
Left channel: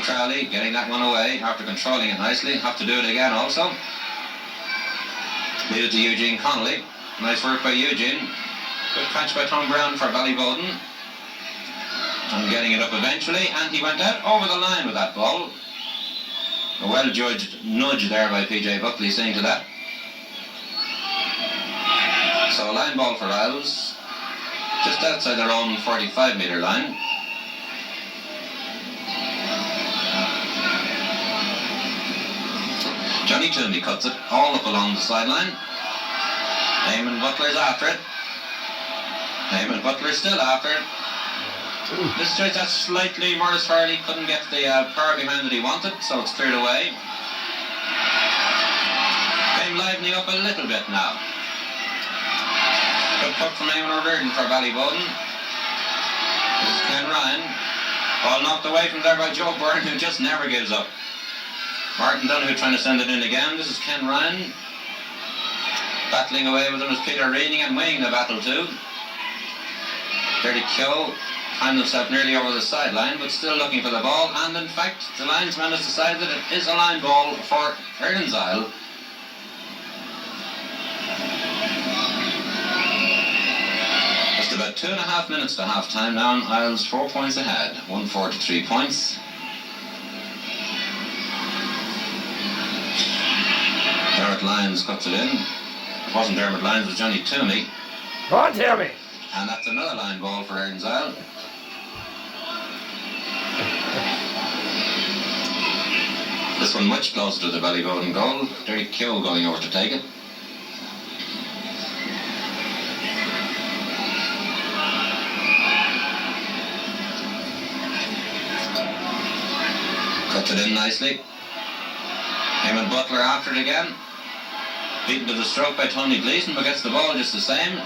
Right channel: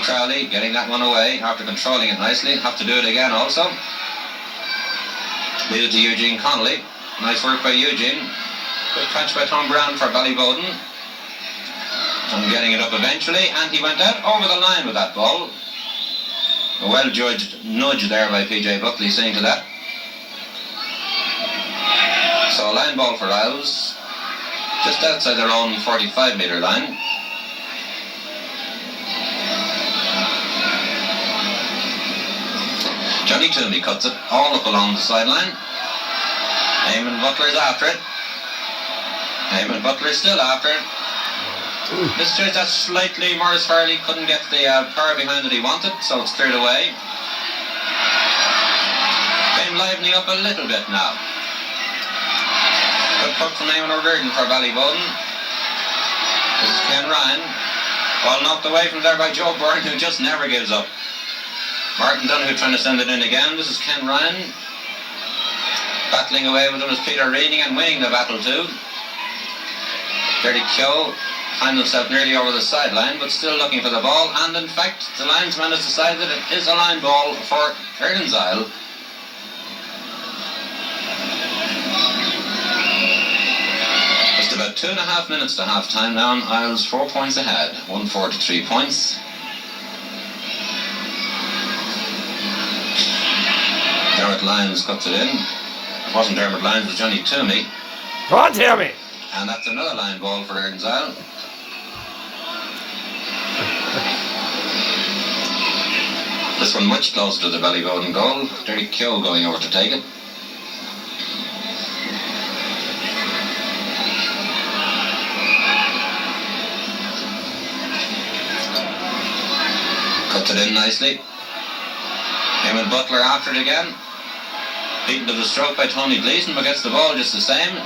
Crowley getting that one away after controlling it nicely. Have to do it again also. Leave it to Eugene Connolly. Nice work by Eugene. Good catch by Tom Brown for Ballyboden. And getting it up eventually, and he went out over the line with that ball. A well-judged nudge there by PJ Buckley seeing to that. So a line ball for Isles, just outside their own 45-metre line. Johnny Toomey cuts it all up along the sideline. Eamon Butler's after it. Eamon Butler's still after it. This just that slightly Morris Hurley couldn't get the power behind that he wanted, so it's cleared away. Game livening up a little bit now. Good puck from Eamon O'Riordan for Ballyboden. This is Ken Ryan. Ball knocked away from there by Joe Byrne, who just never gives up. Martin Donoghue trying to send it in again. This is Ken Ryan. Battling away with him is Peter Reading and winning the battle too. Dirty Keogh finds himself nearly over the sideline but still looking for the ball, and in fact the linesman has decided it is a line ball for Erins. Just about 2.5 minutes to half time now, and Isles 4 points ahead. 1-4 to 3 points. Dermot Lyons cuts it in. It wasn't Dermot Lyons, it was Johnny Toomey. Come on, Toomey! And that's another line ball for Erins. This one much closer to the Ballyboden goal. Derry Keogh going over to take it. Cuts it in nicely. Eamon Butler after it again. Beaten to the stroke by Tony Gleeson, but gets the ball just the same.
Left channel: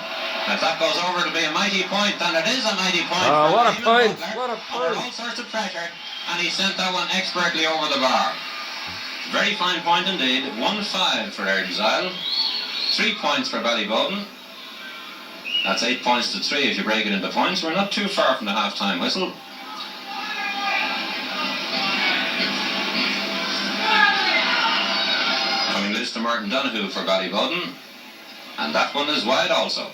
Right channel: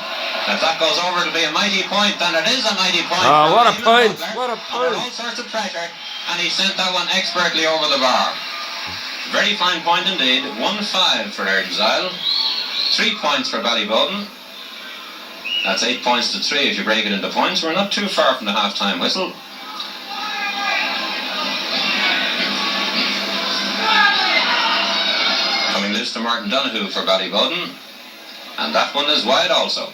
If that goes over, it'll be a mighty point, and it is a mighty point. Oh, what a point! Butler, What a point! under all sorts of pressure, and he sent that one expertly over the bar. Very fine point indeed. 1-5 for Erins. 3 points for Ballyboden. That's 8 points to 3 if you break it into points. We're not too far from the half-time whistle. Coming loose to Martin Donoghue for Ballyboden, and that one is wide also.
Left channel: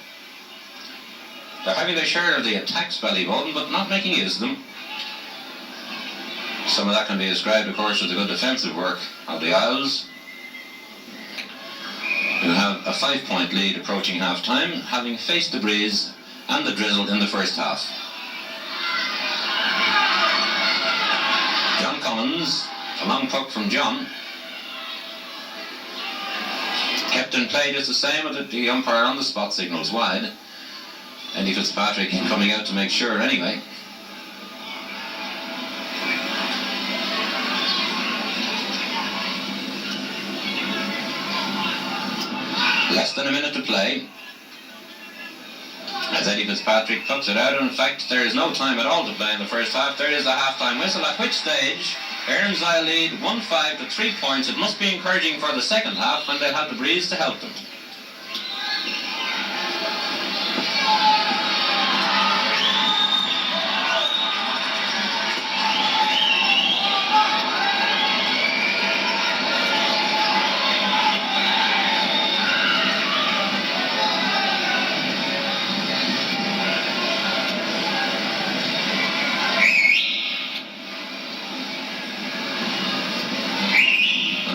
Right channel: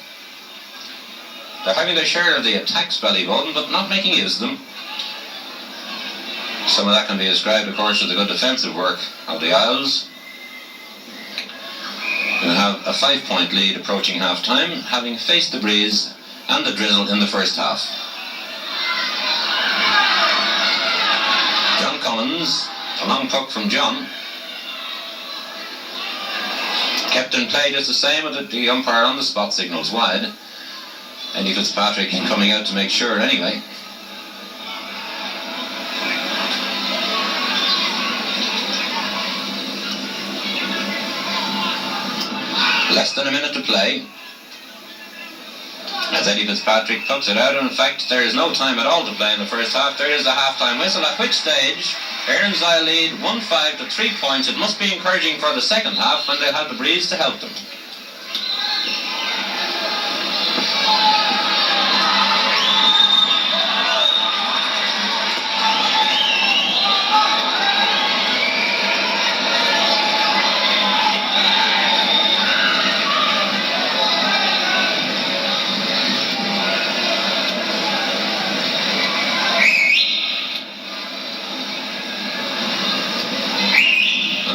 They're having their share of the attacks, Ballyboden, but not making use of them. Some of that can be ascribed, of course, to the good defensive work of the Isles, who have a 5-point lead approaching half-time, having faced the breeze and the drizzle in the first half. John Collins, a long puck from John. Kept in play just the same, with the umpire on the spot signals wide. Eddie Fitzpatrick coming out to make sure anyway. Less than a minute to play. As Eddie Fitzpatrick puts it out, in fact there is no time at all to play in the first half. There is the half-time whistle, at which stage Erins lead 1-5 to 3 points. It must be encouraging for the second half when they'll have the breeze to help them.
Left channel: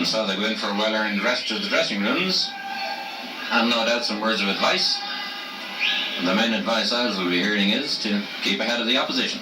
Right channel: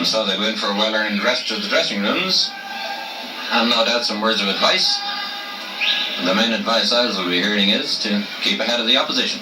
And so they go in for a well-earned rest to the dressing rooms, and no doubt some words of advice. And the main advice I will be hearing is to keep ahead of the opposition.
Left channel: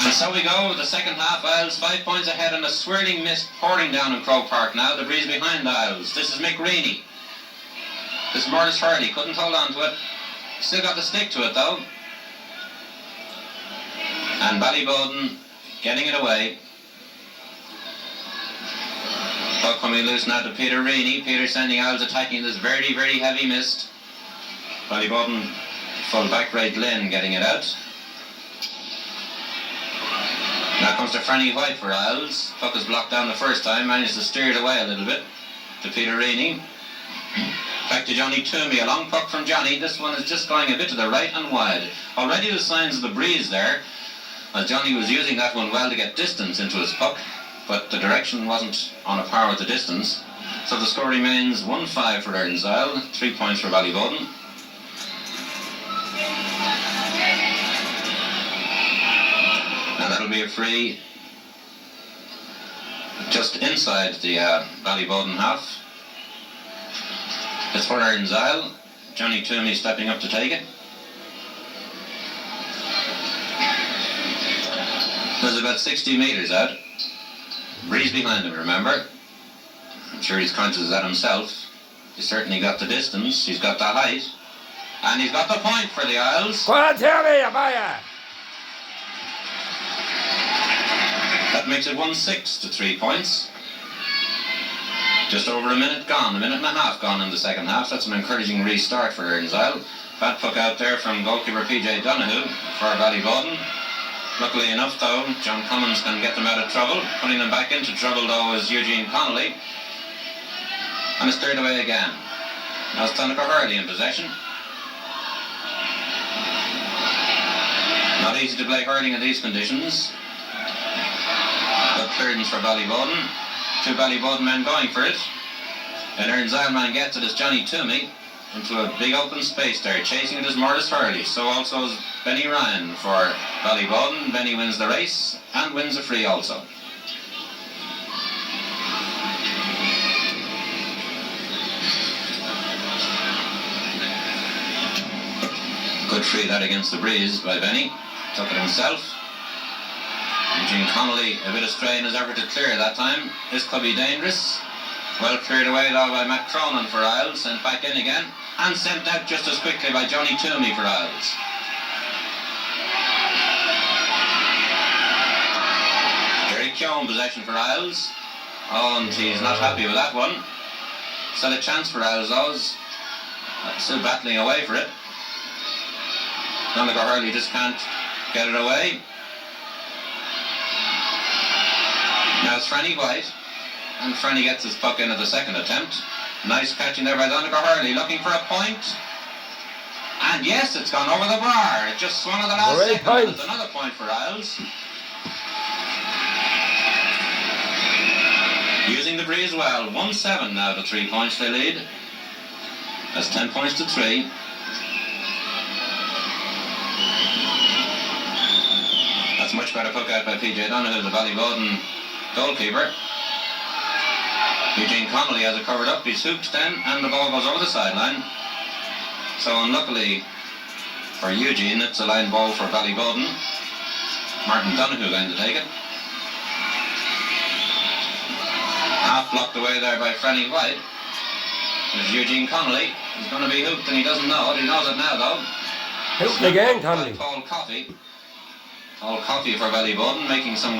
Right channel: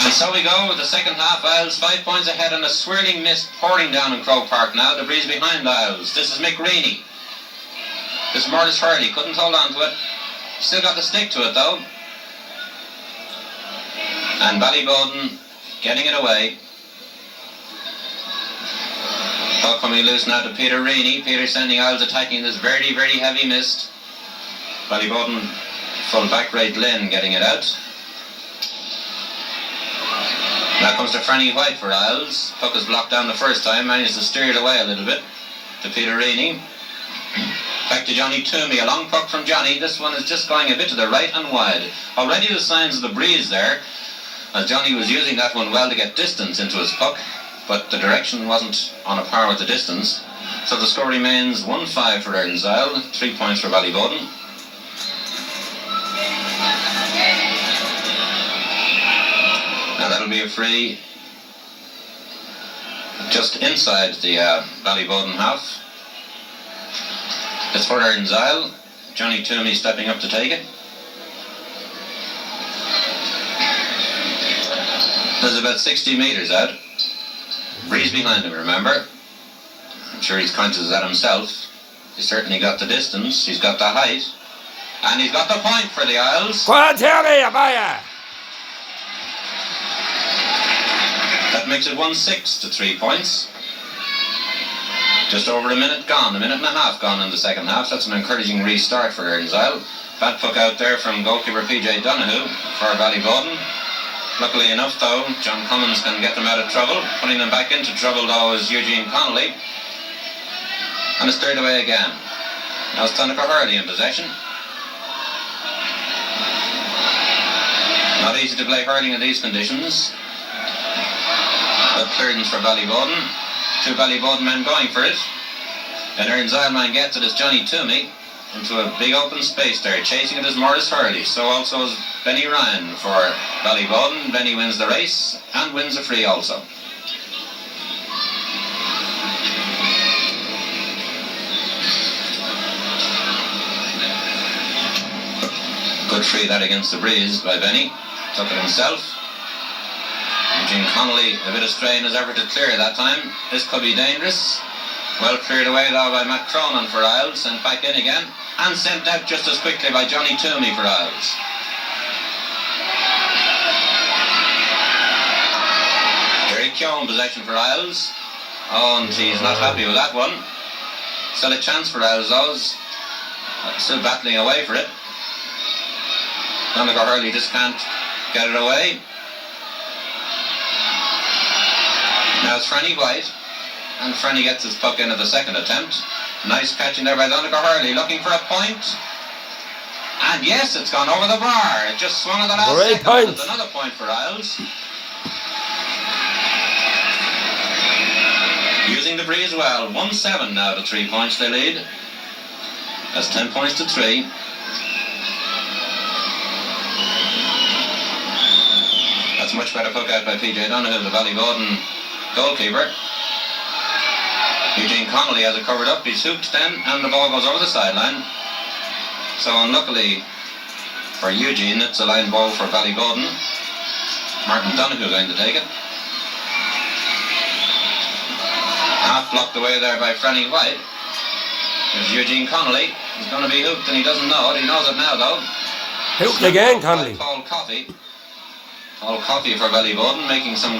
And so we go with the second half. Isles 5 points ahead and a swirling mist pouring down in Croke Park now. The breeze behind Isles. This is Mick Reaney. This is Morris Hurley. Couldn't hold on to it. Still got the stick to it though. And Ballyboden getting it away. Puck coming loose now to Peter Reaney. Peter sending Isles attacking this very, very heavy mist. Ballyboden full back right Lynn getting it out. Now comes to Franny White for Isles. Puck is blocked down the first time, managed to steer it away a little bit to Peter Reaney. Back to Johnny Toomey, a long puck from Johnny. This one is just going a bit to the right and wide. Already the signs of the breeze there, as Johnny was using that one well to get distance into his puck, but the direction wasn't on a par with the distance. So the score remains 1-5 for Erins, 3 points for Ballyboden. And that'll be a free just inside the Ballyboden half. It's for Erins. Johnny Toomey stepping up to take it. There's about 60 metres out. Breeze behind him, remember. I'm sure he's conscious of that himself. He's certainly got the distance, he's got the height, and he's got the point for the Isles. Go on, Terry, Amaya! That makes it 1-6 to 3 points. Just over a minute gone, a minute and a half gone in the second half. That's an encouraging restart for Erins. Bad puck out there from goalkeeper PJ Donoghue for Ballyboden. Luckily enough though, John Cummins can get them out of trouble. Putting them back into trouble though is Eugene Connolly. And it's cleared away again. Now it's Donegal Hurley in possession. Not easy to play hurling in these conditions. Good clearance for Ballyboden. Two Ballyboden men going for it. And Erins man gets it as Johnny Toomey into a big open space there. Chasing it is Morris Hurley. So also is Benny Ryan for Ballyboden. Benny wins the race and wins a free also. Good free that against the breeze by Benny. Took it himself. Eugene Connolly a bit astray in his effort to clear that time. This could be dangerous. Well cleared away though by Matt Cronin for Isles. Sent back in again. And sent out just as quickly by Johnny Toomey for Isles. Gary Keoghan possession for Isles. Oh, and he's not happy with that one. Still a chance for Isles though. Still battling away for it. Donegal Hurley just can't get it away. Now it's Franny White, and Franny gets his puck in at the second attempt. Nice catching there by Donegal Hurley, looking for a point. And yes, it's gone over the bar. It just swung at the last second. Point. It's another point for Isles. Using the breeze well. 1-7 now to 3 points they lead. That's 10 points to 3. That's a much better hook out by PJ Donoghue, the Ballyboden goalkeeper. Eugene Connolly has it covered up. He's hooked then, and the ball goes over the sideline. So unluckily for Eugene, it's a line ball for Ballyboden. Martin Donoghue going to take it. Half blocked away there by Franny White. There's Eugene Connolly. He's going to be hooked and he doesn't know it. He knows it now though. Hooked again, Connolly. Paul Coffey for Ballyboden, making some